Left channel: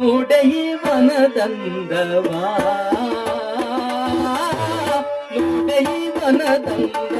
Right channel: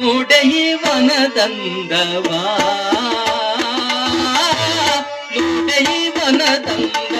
உடைய வனதந்தவா உடைய வனதந்தவா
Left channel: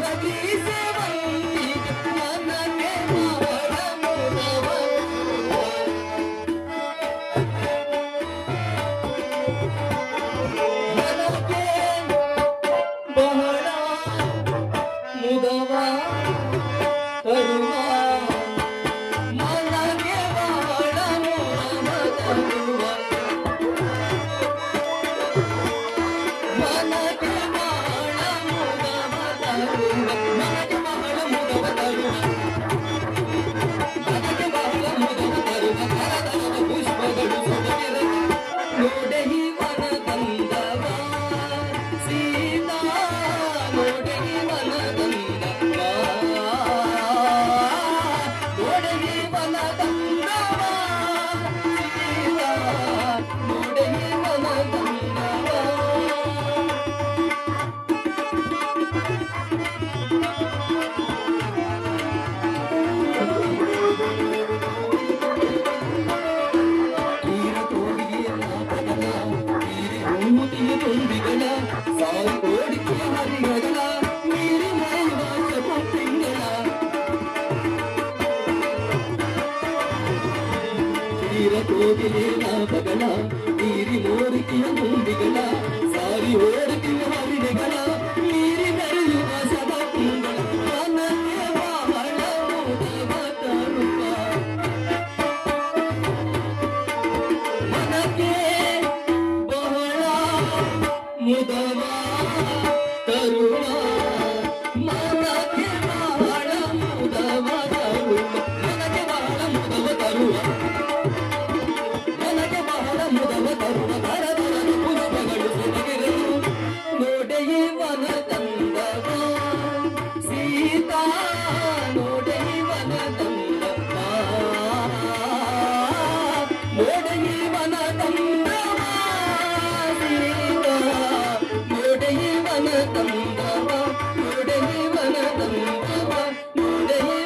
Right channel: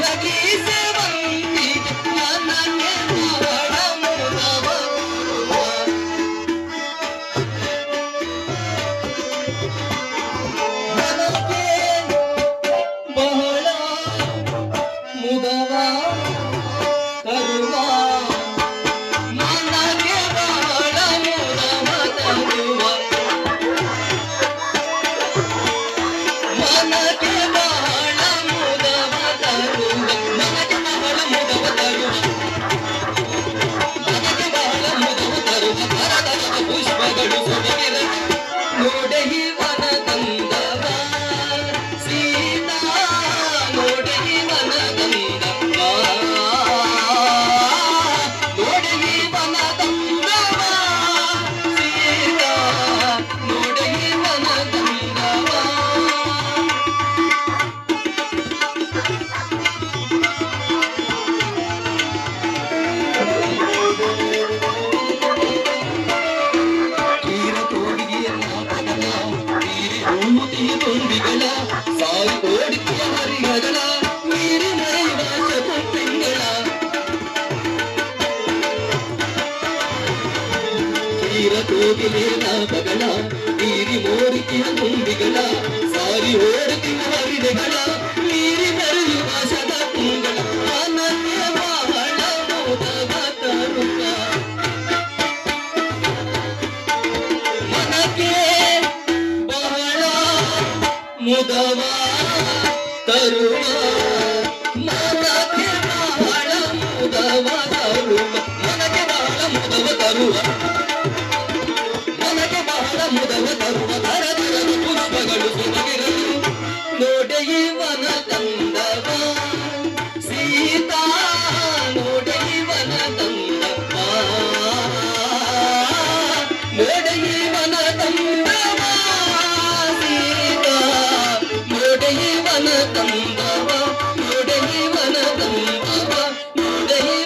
Aqui, seu கோவிலேலா பகலா நீரி ஓடுக்கின கும்பிகளா சாரி ஓடுக்கின வரிடைகளா நீரி மருள் வாசதா பூங்களா ಮುದವಾ ತರುವ ಮನಕ್ಕೆ ಬಹಳ ಮುದವ ತರುವ ಮನಕ್ಕೆ ಬಹಳ ಮುದವ ತರುವ Sunday.